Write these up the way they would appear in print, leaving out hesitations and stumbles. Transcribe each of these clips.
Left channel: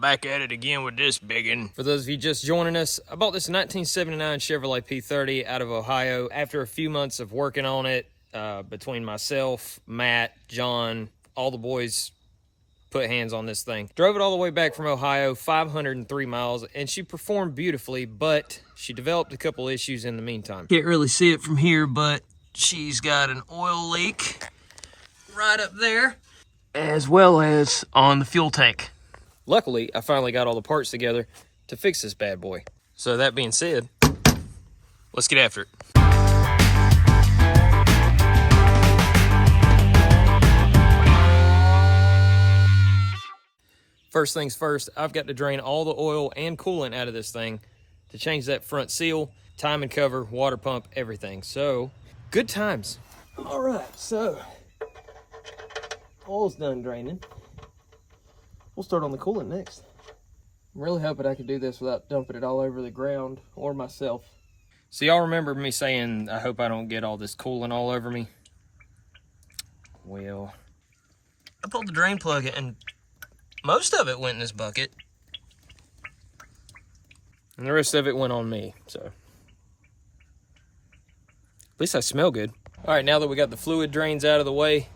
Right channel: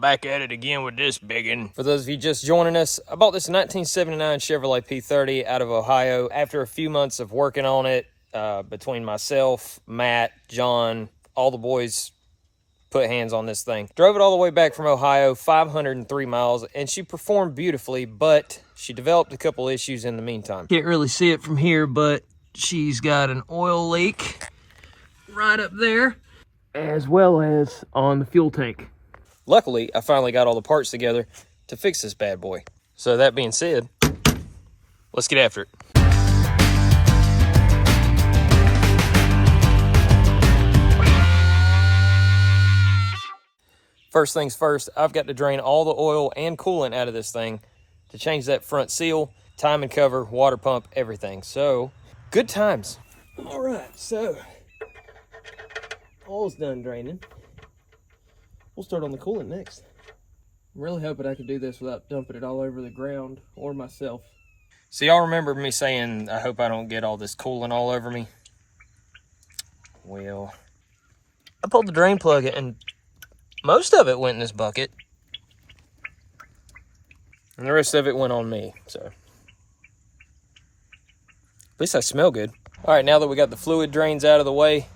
Back at it again with this biggin. For those of you just joining us, I bought this 1979 Chevrolet P30 out of Ohio after a few months of working on it between myself, Matt, John, all the boys put hands on this thing. Drove it all the way back from Ohio, 503 miles, and she performed beautifully, but she developed a couple issues in the meantime. Can't really see it from here, but she's got an oil leak right up there, as well as on the fuel tank. Luckily, I finally got all the parts together to fix this bad boy. So that being said, let's get after it. First things first, I've got to drain all the oil and coolant out of this thing to change that front seal, timing cover, water pump, everything. So, good times. All right, so oil's done draining. We'll start on the coolant next. I'm really hoping I can do this without dumping it all over the ground or myself. So y'all remember me saying, I hope I don't get all this coolant all over me? Well, I pulled the drain plug and most of it went in this bucket. And the rest of it went on me, so. At least I smell good. All right, now that we got the fluid drains out of the way,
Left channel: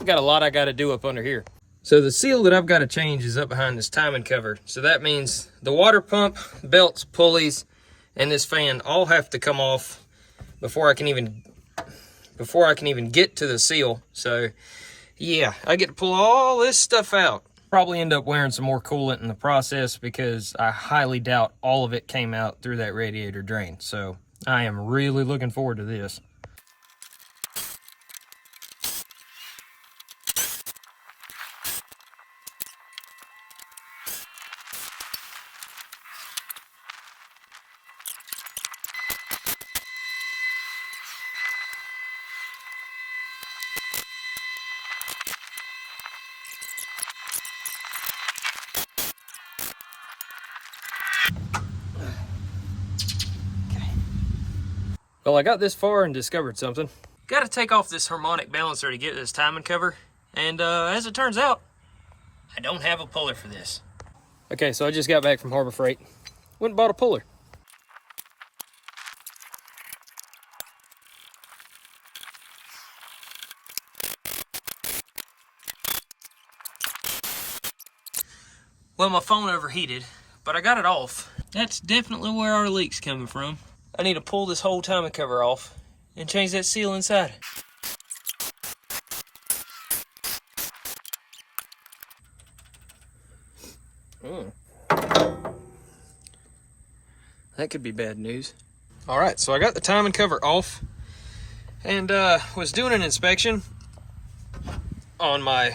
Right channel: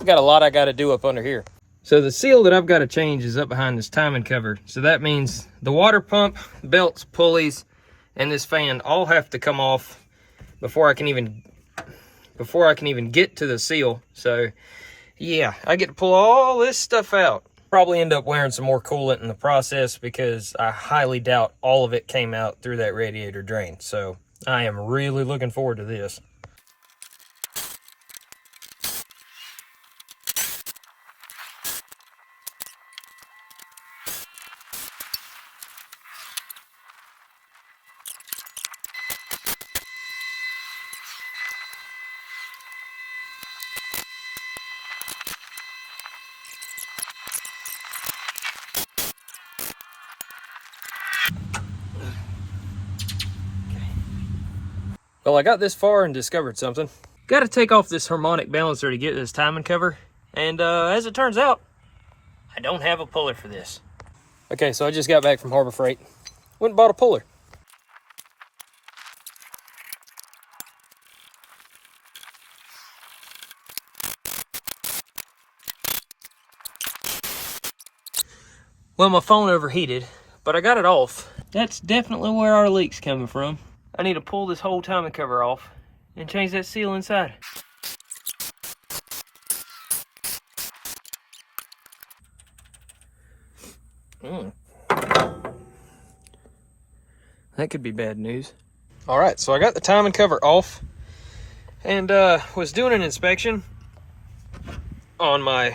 I've got a lot I gotta do up under here. So the seal that I've got to change is up behind this timing cover. So that means the water pump, belts, pulleys, and this fan all have to come off before I can even get to the seal. So yeah, I get to pull all this stuff out. Probably end up wearing some more coolant in the process because I highly doubt all of it came out through that radiator drain. So I am really looking forward to this. Well, I got this far and discovered something. Got to take off this harmonic balancer to get this timing cover. And as it turns out, I don't have a puller for this. Okay, so I just got back from Harbor Freight. Went and bought a puller. Well, my phone overheated, but I got it off. That's definitely where our leak's coming from. I need to pull this whole timing cover off and change that seal inside. That could be bad news. All right, so I got the timing cover off and was doing an inspection on my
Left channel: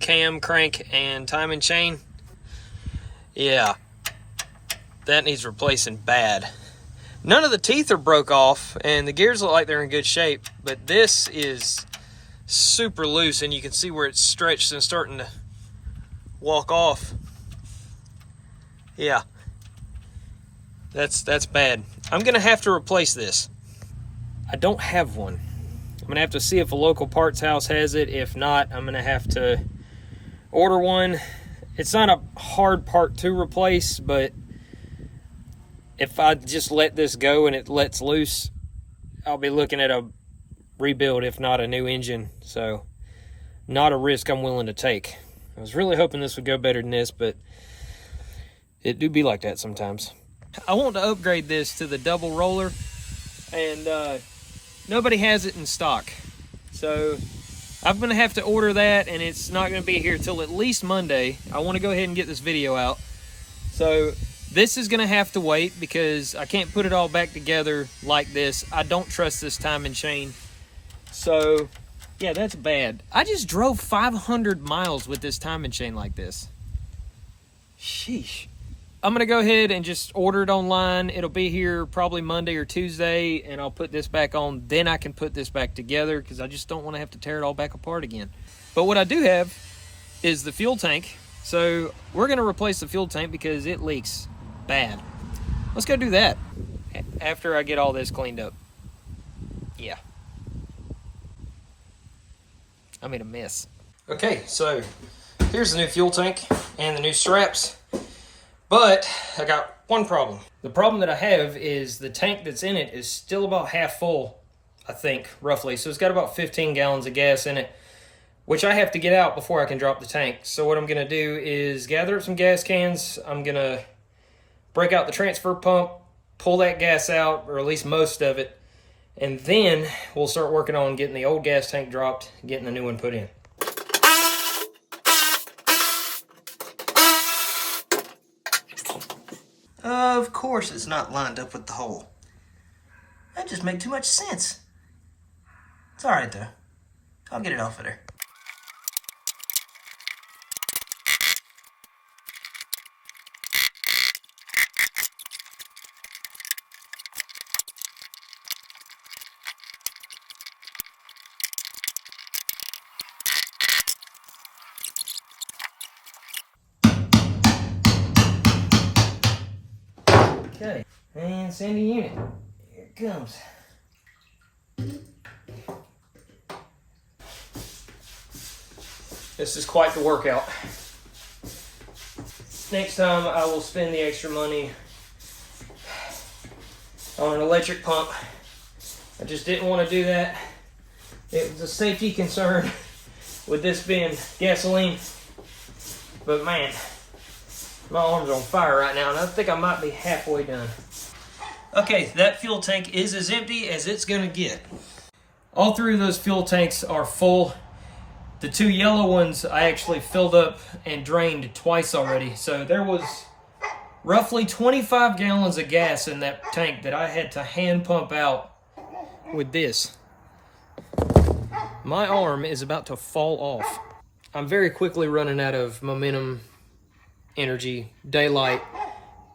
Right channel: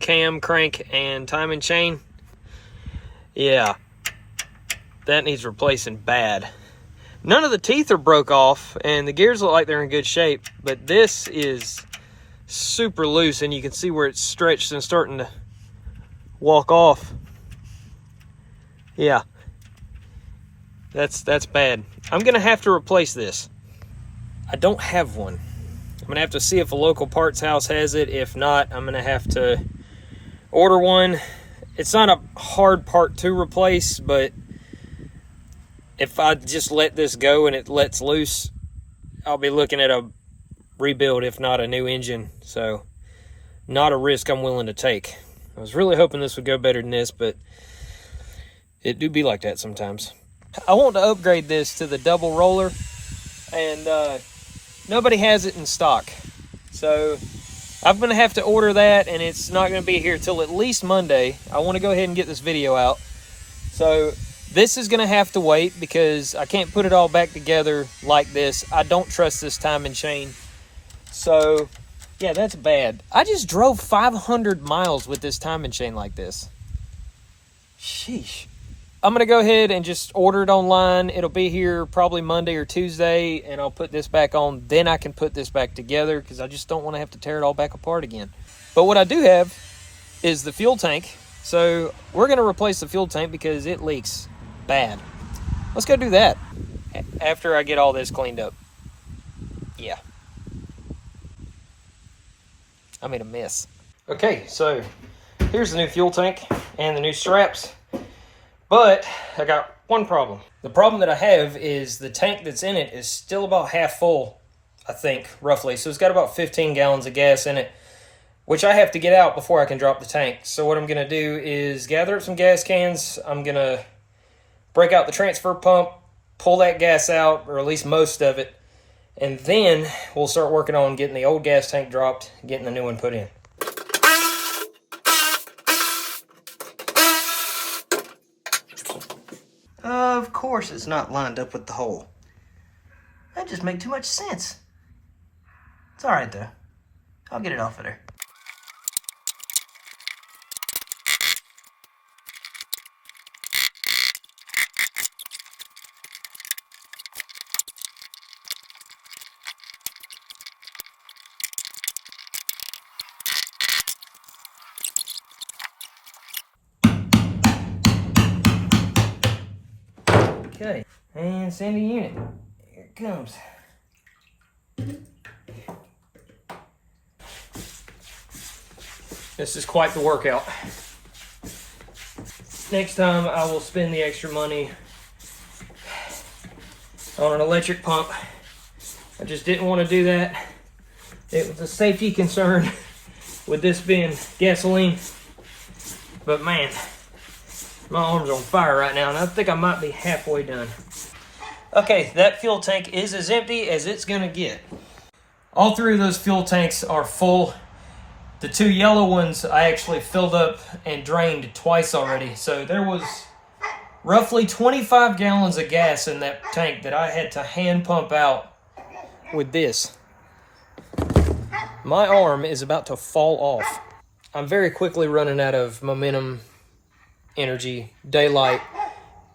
cam, crank, and timing chain. Yeah, that needs replacing bad. None of the teeth are broke off and the gears look like they're in good shape, but this is super loose and you can see where it's stretched and starting to walk off. Yeah, that's bad. I'm gonna have to replace this. I don't have one. I'm gonna have to see if a local parts house has it. If not, I'm gonna have to order one. It's not a hard part to replace, but if I just let this go and it lets loose, I'll be looking at a rebuild, if not a new engine. So, not a risk I'm willing to take. I was really hoping this would go better than this, but it do be like that sometimes. I want to upgrade this to the double roller, and nobody has it in stock. So, I'm going to have to order that, and it's not going to be here till at least Monday. I want to go ahead and get this video out. So, this is going to have to wait because I can't put it all back together like this. I don't trust this timing chain. So, yeah, that's bad. I just drove 500 miles with this timing chain like this. Sheesh. I'm going to go ahead and just order it online. It'll be here probably Monday or Tuesday, and I'll put this back on. Then I can put this back together because I just don't want to have to tear it all back apart again. But what I do have is the fuel tank. So we're going to replace the fuel tank because it leaks bad. Let's go do that after I get all this cleaned up. Yeah. I made a mess. Okay, so here's the new fuel tank and the new straps, but I got one problem. The problem that I have is the tank that's in it is still about half full, I think, roughly. So it's got about 15 gallons of gas in it, which I have to get out before I can drop the tank. So what I'm gonna do is gather up some gas cans. I'm gonna break out the transfer pump, pull that gas out, or at least most of it, and then we'll start working on getting the old gas tank dropped, getting the new one put in. Of course it's not lined up with the hole. That just makes too much sense. It's alright though. I'll get it off of there. Okay, and sending unit. Here it comes. This is quite the workout. Next time I will spend the extra money on an electric pump. I just didn't want to do that. It was a safety concern with this being gasoline. But man, my arm's on fire right now, and I think I might be halfway done. Okay, that fuel tank is as empty as it's gonna get. All three of those fuel tanks are full. The two yellow ones I actually filled up and drained twice already. So there was roughly 25 gallons of gas in that tank that I had to hand pump out with this. My arm is about to fall off. I'm very quickly running out of momentum, energy, daylight,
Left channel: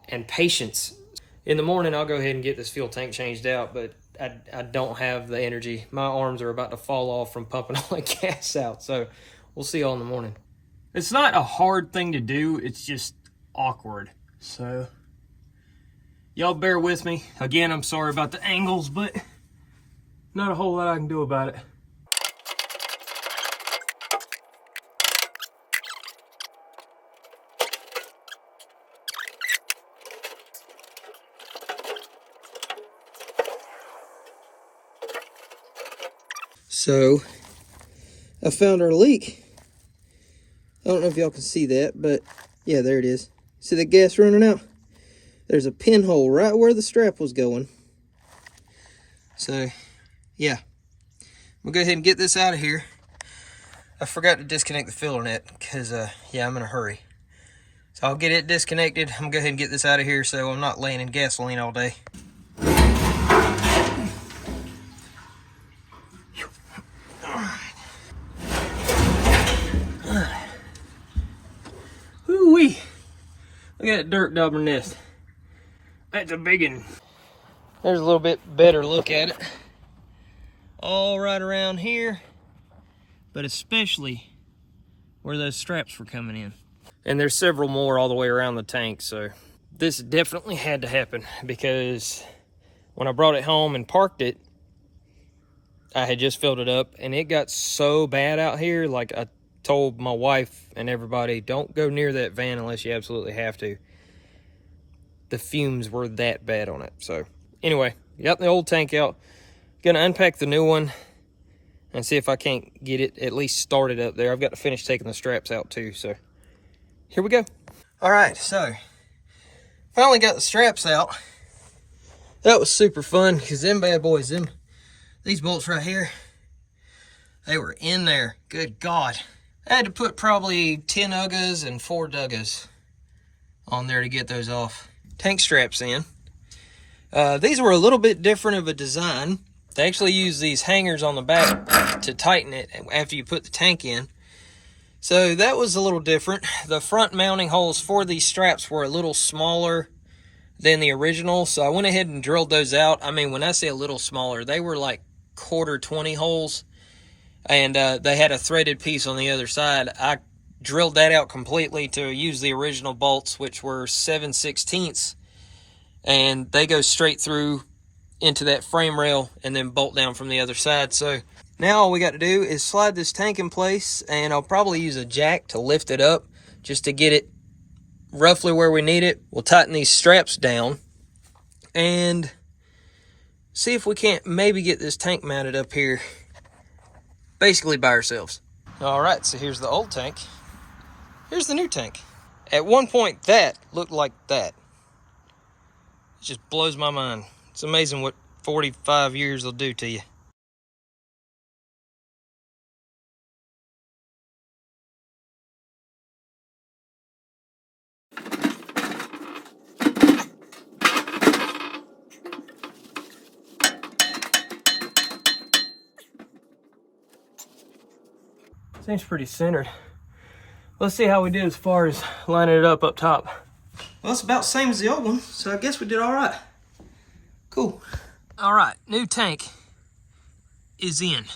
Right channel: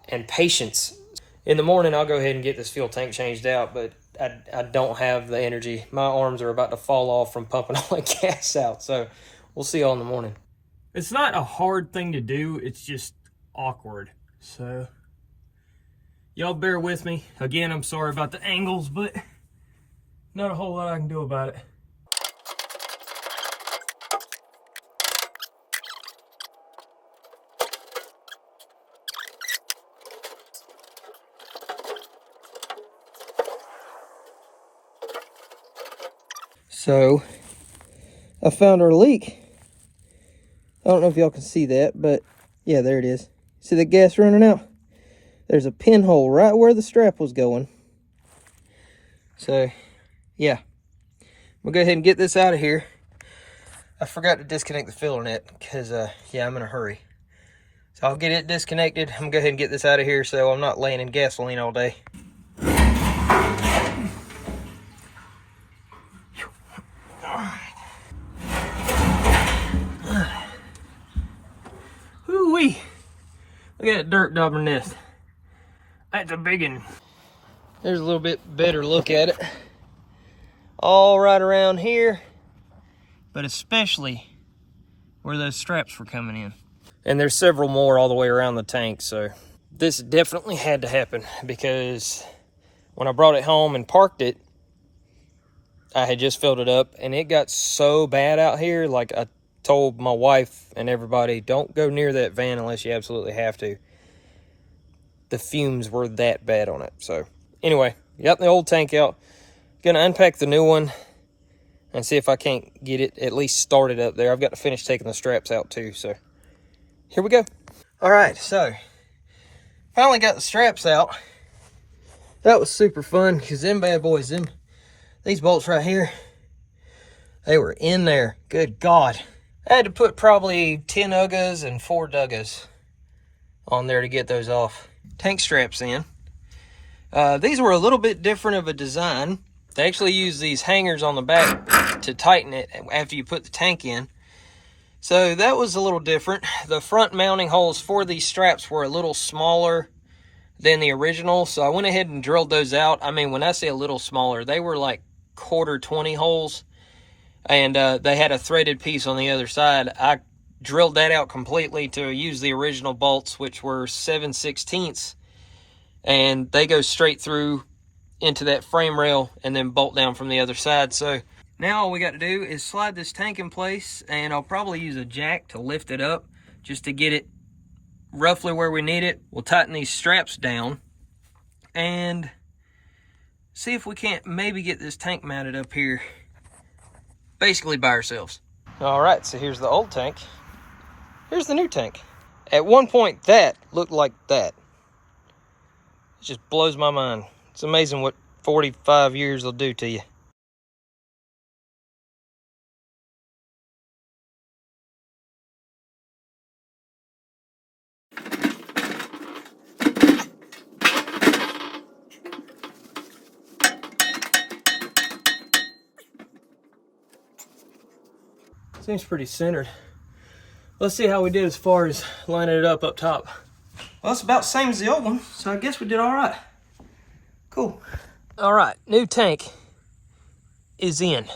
and patience. In the morning, I'll go ahead and get this fuel tank changed out, but I don't have the energy. My arms are about to fall off from pumping all that gas out, so we'll see y'all in the morning. It's not a hard thing to do, it's just awkward. So, y'all bear with me. Again, I'm sorry about the angles, but not a whole lot I can do about it. So, I found our leak. I don't know if y'all can see that, but yeah, there it is. See the gas running out? There's a pinhole right where the strap was going. So, yeah. We'll go ahead and get this out of here. I forgot to disconnect the filler net because, yeah, I'm in a hurry. So I'll get it disconnected. I'm going to go ahead and get this out of here so I'm not laying in gasoline all day. Woo-wee. Look at that dirt daubing nest. That's a big one. There's a little bit better look at it. All right around here, but especially where those straps were coming in. And there's several more all the way around the tank, so this definitely had to happen because when I brought it home and parked it, I had just filled it up and it got so bad out here. Like I told my wife and everybody, don't go near that van unless you absolutely have to. The fumes were that bad on it. So anyway, got the old tank out. Gonna unpack the new one and see if I can't get it at least started up there. I've got to finish taking the straps out too, so here we go. All right, so finally got the straps out. That was super fun because them bad boys, these bolts right here, they were in there. Good God. I had to put probably 10 UGAs and 4 DUGAs on there to get those off. Tank straps in. These were a little bit different of a design. They actually use these hangers on the back to tighten it after you put the tank in. So that was a little different. The front mounting holes for these straps were a little smaller than the original. So I went ahead and drilled those out. I mean, when I say a little smaller, they were like 1/4 holes. And they had a threaded piece on the other side. I drilled that out completely to use the original bolts, which were 7/16. And they go straight through into that frame rail and then bolt down from the other side. So Now all we got to do is slide this tank in place, and I'll probably use a jack to lift it up just to get it roughly where we need it. We'll tighten these straps down and see if we can't maybe get this tank mounted up here basically by ourselves. All right, so here's the old tank. Here's the new tank. At one point, that looked like that. It just blows my mind. It's amazing what 45 years will do to you. Seems pretty centered. Let's see how we did as far as lining it up top. Well, it's about the same as the old one, so I guess we did all right. Cool. All right, new tank is in.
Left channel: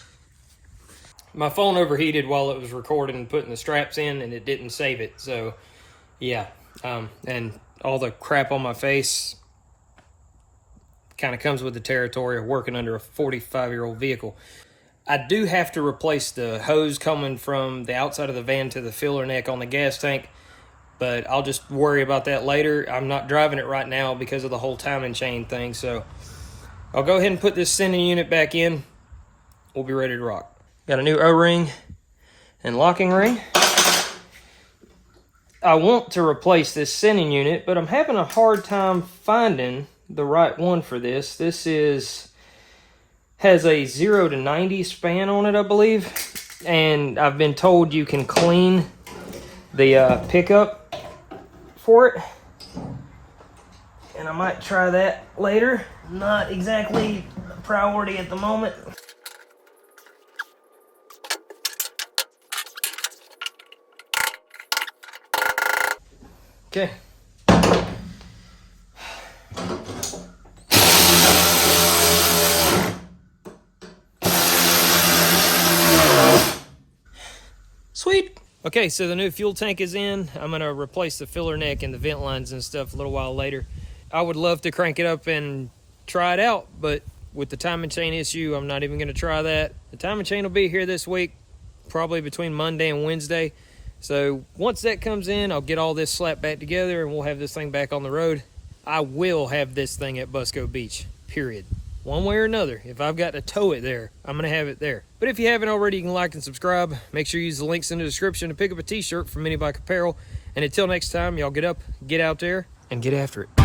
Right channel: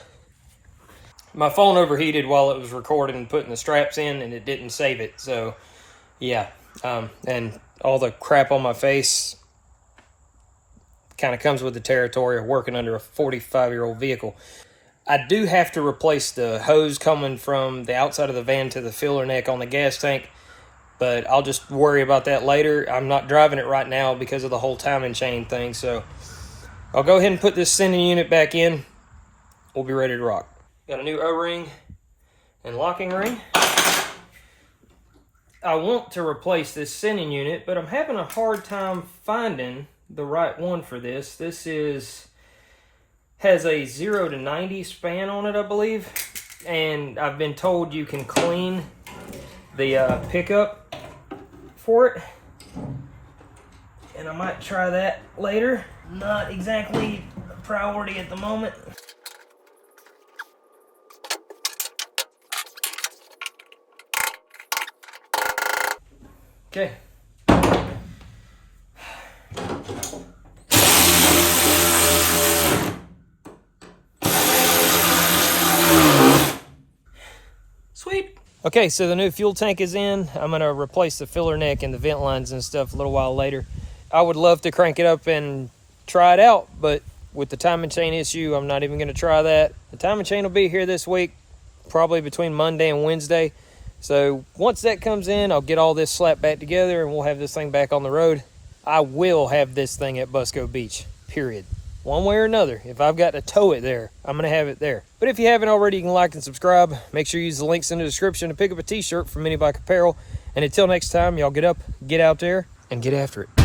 My phone overheated while it was recording and putting the straps in, and it didn't save it, so yeah. And all the crap on my face kind of comes with the territory of working under a 45-year-old vehicle. I do have to replace the hose coming from the outside of the van to the filler neck on the gas tank, but I'll just worry about that later. I'm not driving it right now because of the whole timing chain thing, so I'll go ahead and put this sending unit back in. We'll be ready to rock. Got a new O-ring and locking ring. I want to replace this sending unit, but I'm having a hard time finding the right one for this. This has a 0 to 90 span on it, I believe, and I've been told you can clean the pickup for it, and I might try that later. Not exactly a priority at the moment. Okay. Sweet. Okay, so the new fuel tank is in. I'm gonna replace the filler neck and the vent lines and stuff a little while later. I would love to crank it up and try it out, but with the timing chain issue, I'm not even gonna try that. The timing chain will be here this week, probably between Monday and Wednesday. So once that comes in, I'll get all this slapped back together and we'll have this thing back on the road. I will have this thing at Busco Beach, period. One way or another. If I've got to tow it there, I'm going to have it there. But if you haven't already, you can like and subscribe. Make sure you use the links in the description to pick up a t-shirt from MiniBike Apparel. And until next time, y'all get up, get out there, and get after it.